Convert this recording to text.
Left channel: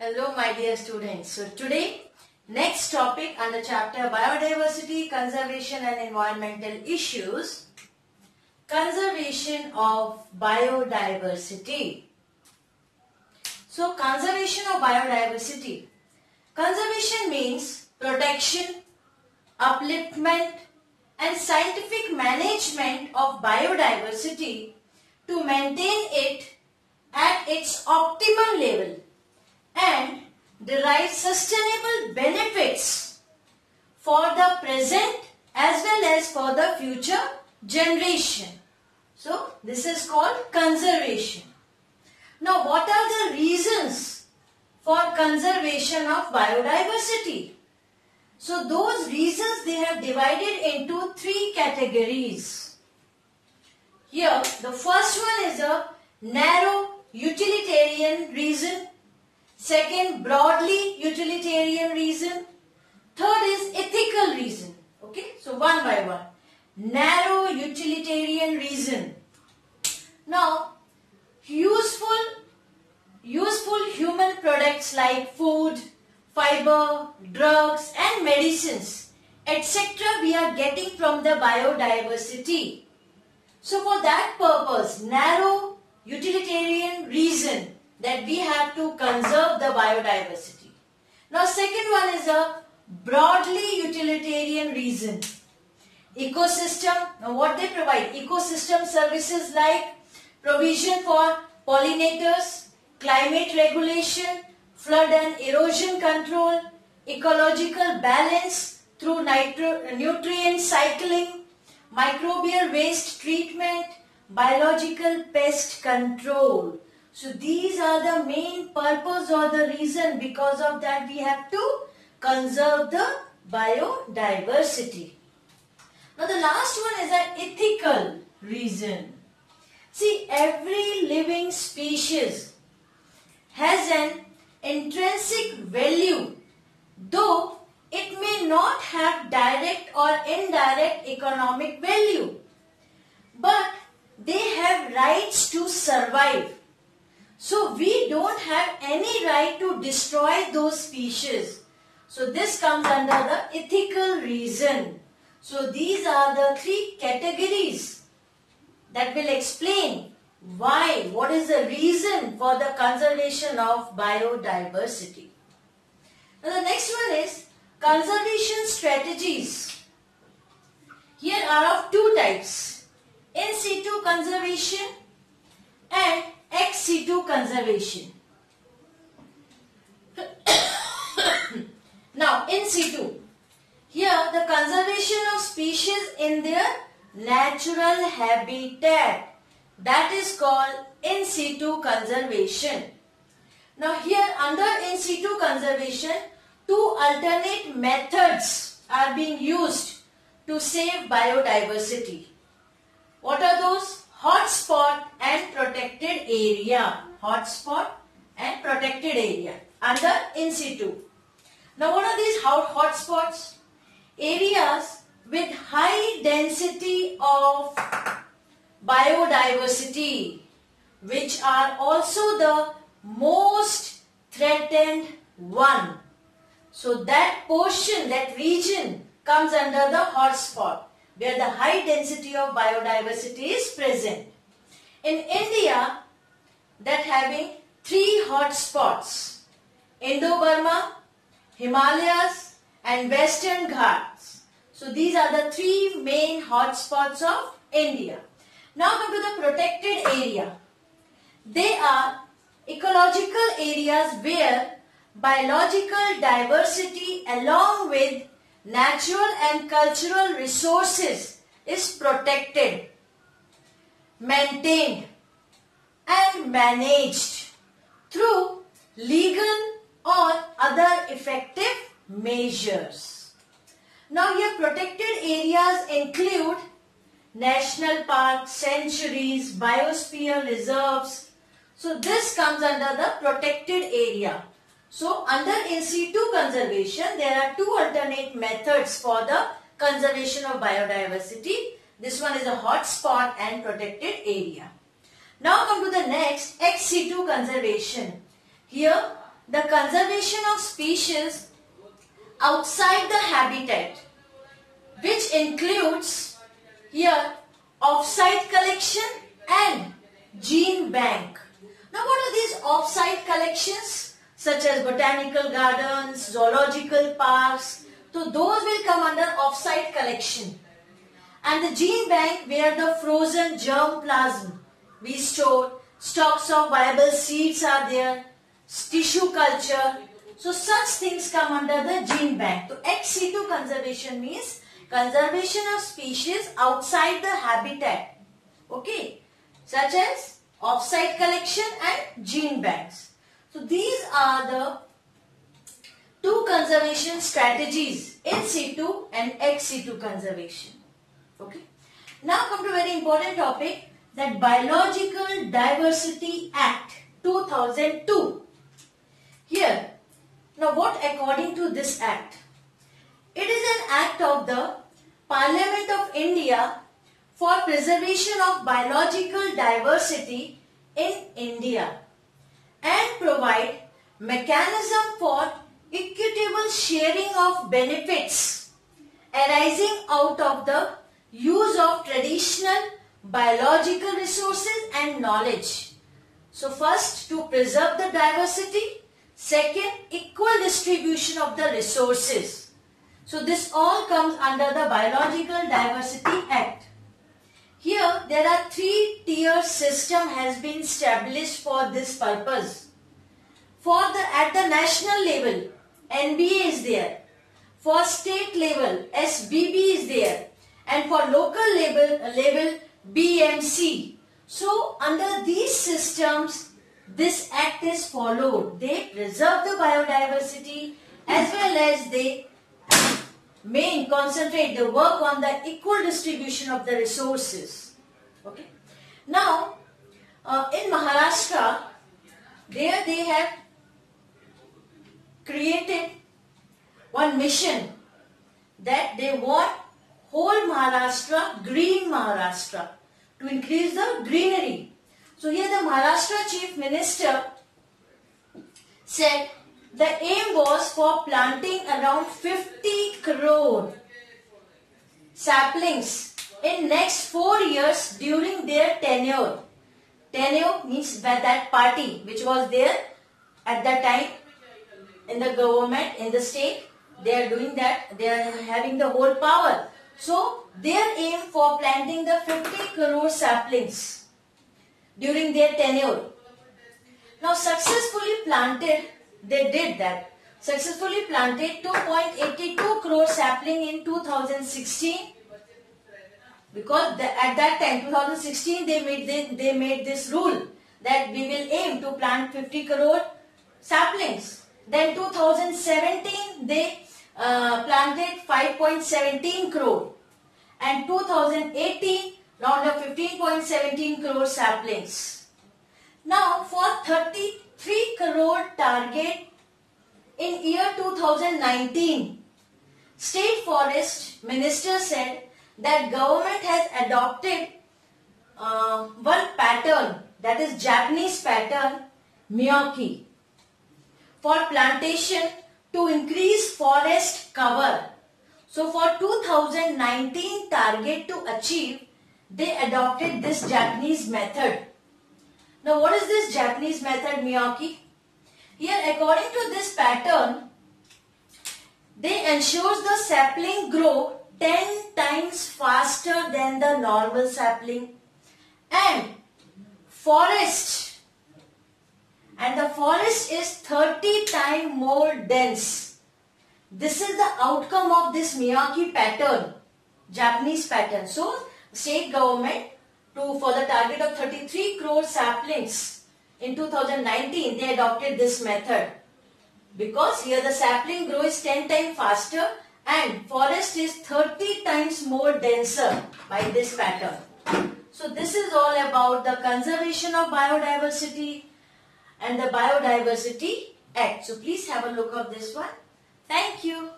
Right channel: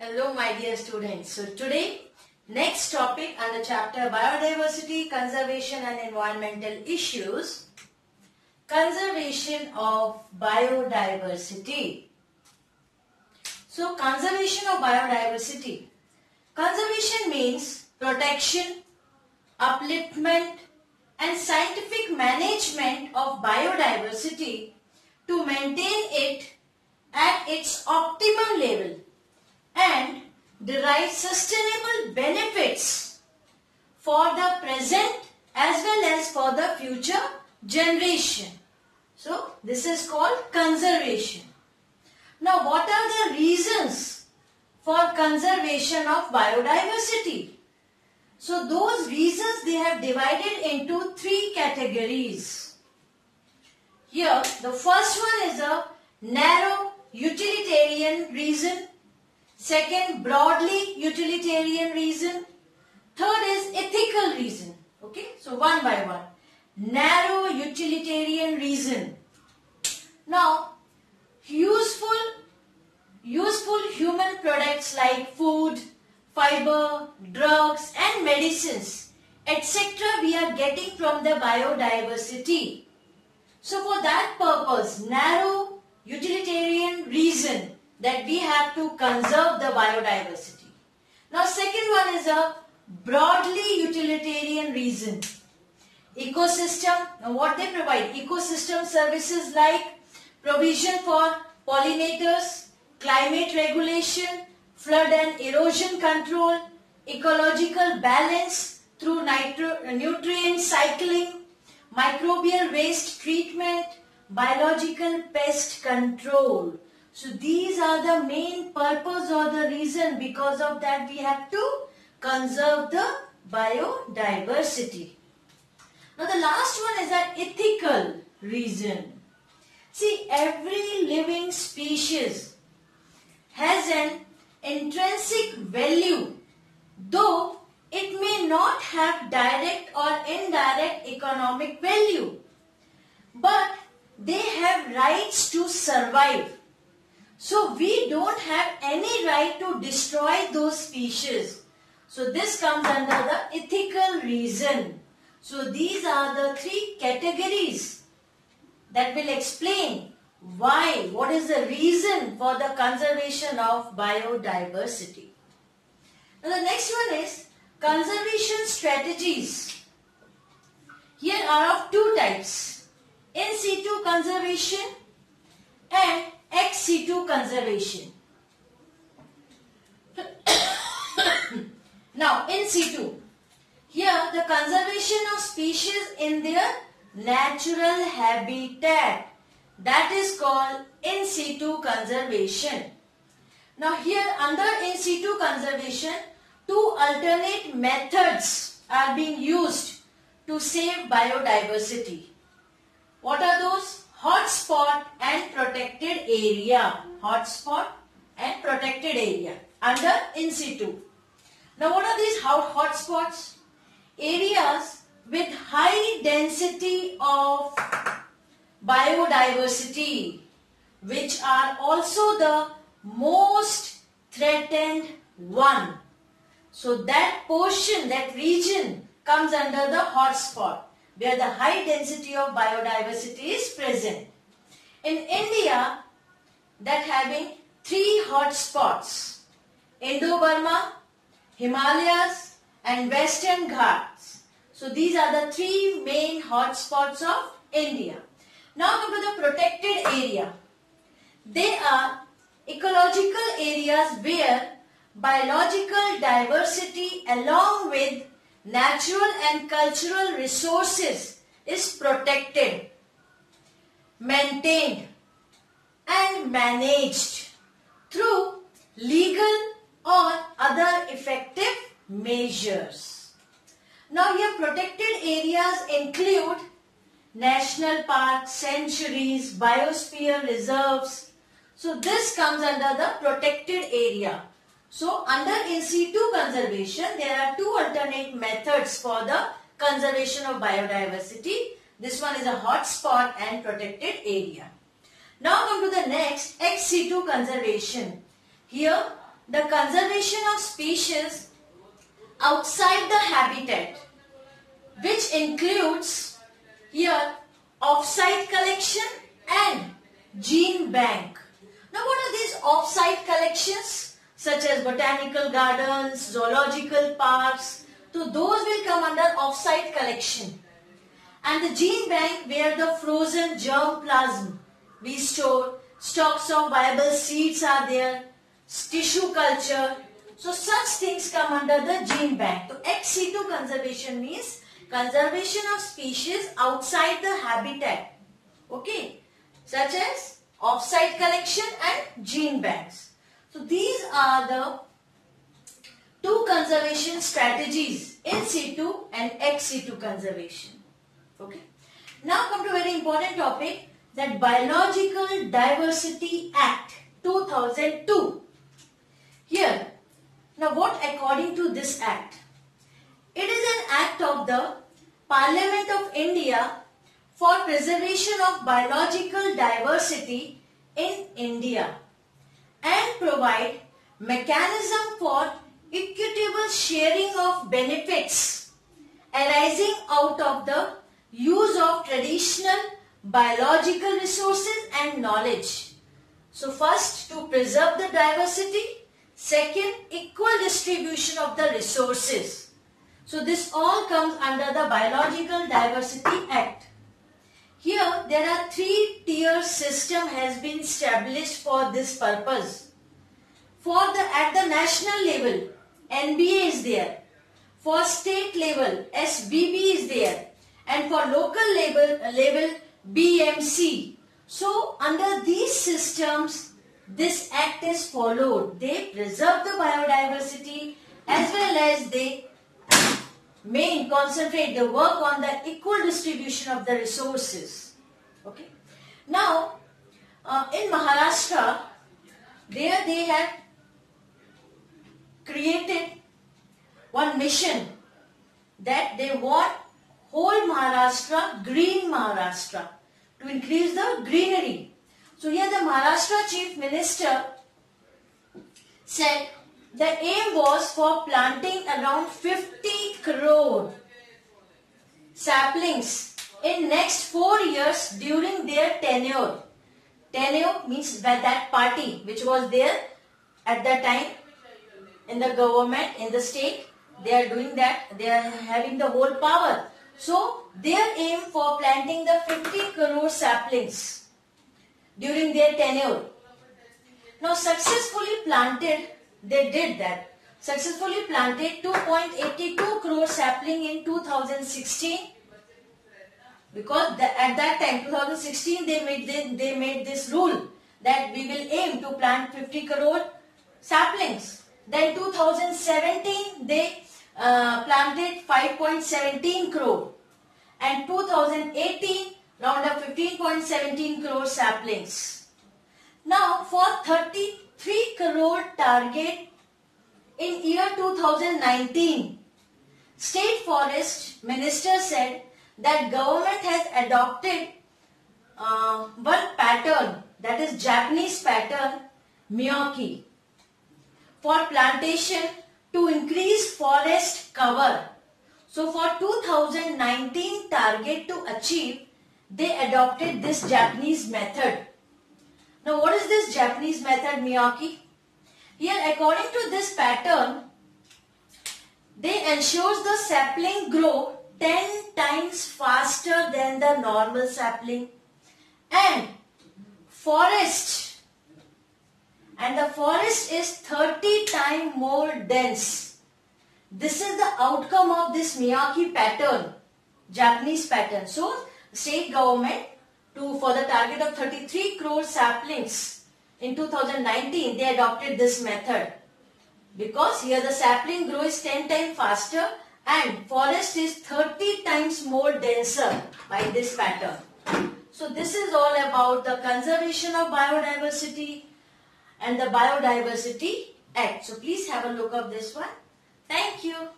Hello my dear students. So today next topic under chapter Biodiversity, Conservation and Environmental Issues, conservation of biodiversity. So conservation of biodiversity. Conservation means protection, upliftment and scientific management of biodiversity to maintain it at its optimal level and derive sustainable benefits for the present as well as for the future generation. So this is called conservation. Now what are the reasons for conservation of biodiversity? So those reasons they have divided into three categories. Here the first one is a narrow utilitarian reason. Second, broadly utilitarian reason. Third is ethical reason. Okay, so one by one. Narrow utilitarian reason. Now, useful human products like food, fiber, drugs and medicines, etc. we are getting from the biodiversity. So for that purpose, narrow utilitarian reason that we have to conserve the biodiversity. Now second one is a broadly utilitarian reason. Ecosystem, now what they provide? Ecosystem services like provision for pollinators, climate regulation, flood and erosion control, ecological balance through nutrient cycling, microbial waste treatment, biological pest control. So these are the main purpose or the reason, because of that we have to conserve the biodiversity. Now the last one is an ethical reason. See, every living species has an intrinsic value, though it may not have direct or indirect economic value, but they have rights to survive. So we don't have any right to destroy those species. So this comes under the ethical reason. So these are the three categories that will explain why, what is the reason for the conservation of biodiversity. Now the next one is conservation strategies. Here are of two types: in situ conservation and ex situ conservation. Now in situ, here the conservation of species in their natural habitat, that is called in situ conservation. Now here under in situ conservation, two alternate methods are being used to save biodiversity. What are those? Hotspot and protected area. Hotspot and protected area under in situ. Now what are these hotspots? Areas with high density of biodiversity, which are also the most threatened one. So that portion, that region comes under the hotspot, where the high density of biodiversity is present. In India, that having three hotspots: Indo-Burma, Himalayas and Western Ghats. So these are the three main hotspots of India. Now come to the protected area. They are ecological areas where biological diversity along with natural and cultural resources is protected, maintained and managed through legal or other effective measures. Now here protected areas include national parks, sanctuaries, biosphere reserves. So this comes under the protected area. So under in situ conservation, there are two alternate methods for the conservation of biodiversity. This one is a hotspot and protected area. Now come to the next, ex situ conservation. Here the conservation of species outside the habitat, which includes here off-site collection and gene bank. Now what are these off-site collections? Such as botanical gardens, zoological parks. So those will come under off-site collection. And the gene bank, where the frozen germplasm we store, stocks of viable seeds are there, tissue culture. So such things come under the gene bank. So ex situ conservation means conservation of species outside the habitat. Okay. Such as off-site collection and gene banks. So these are the two conservation strategies, in situ and ex situ conservation. Okay. Now come to a very important topic, that Biological Diversity Act 2002. Here, now what according to this act? It is an act of the Parliament of India for preservation of biological diversity in India and provide mechanism for equitable sharing of benefits arising out of the use of traditional biological resources and knowledge. So first, to preserve the diversity. Second, equal distribution of the resources. So this all comes under the Biological Diversity Act. Here there are 3-tier system has been established for this purpose. At the national level, NBA is there. For state level, SBB is there. And for local level BMC. So under these systems, this act is followed. They preserve the biodiversity as well as they concentrate the work on the equal distribution of the resources. Okay. Now, in Maharashtra, there they have created one mission that they want whole Maharashtra, green Maharashtra, to increase the greenery. So here the Maharashtra Chief Minister said the aim was for planting around 50 crore saplings in next 4 years during their tenure. Tenure means that party which was there at that time in the government, in the state, they are doing that, they are having the whole power. So their aim for planting the 50 crore saplings during their tenure. Now successfully planted, they did that. Successfully planted 2.82 crore sapling in 2016. Because at that time, 2016, they made this rule that we will aim to plant 50 crore saplings. Then 2017, they planted 5.17 crore. And 2018, round of 15.17 crore saplings. Now, for 33 crore target in year 2019, State Forest Minister said that government has adopted one pattern, that is Japanese pattern, Miyake, for plantation to increase forest cover. So for 2019 target to achieve, they adopted this Japanese method. Now what is this Japanese method, Miyake? Here according to this pattern, they ensures the sapling grow 10 times faster than the normal sapling, and the forest is 30 times more dense. This is the outcome of this Miyake pattern, Japanese pattern. So state government, for the target of 33 crore saplings in 2019, they adopted this method. Because here the sapling grows 10 times faster and forest is 30 times more denser by this pattern. So this is all about the conservation of biodiversity and the Biodiversity Act. So please have a look of this one. Thank you.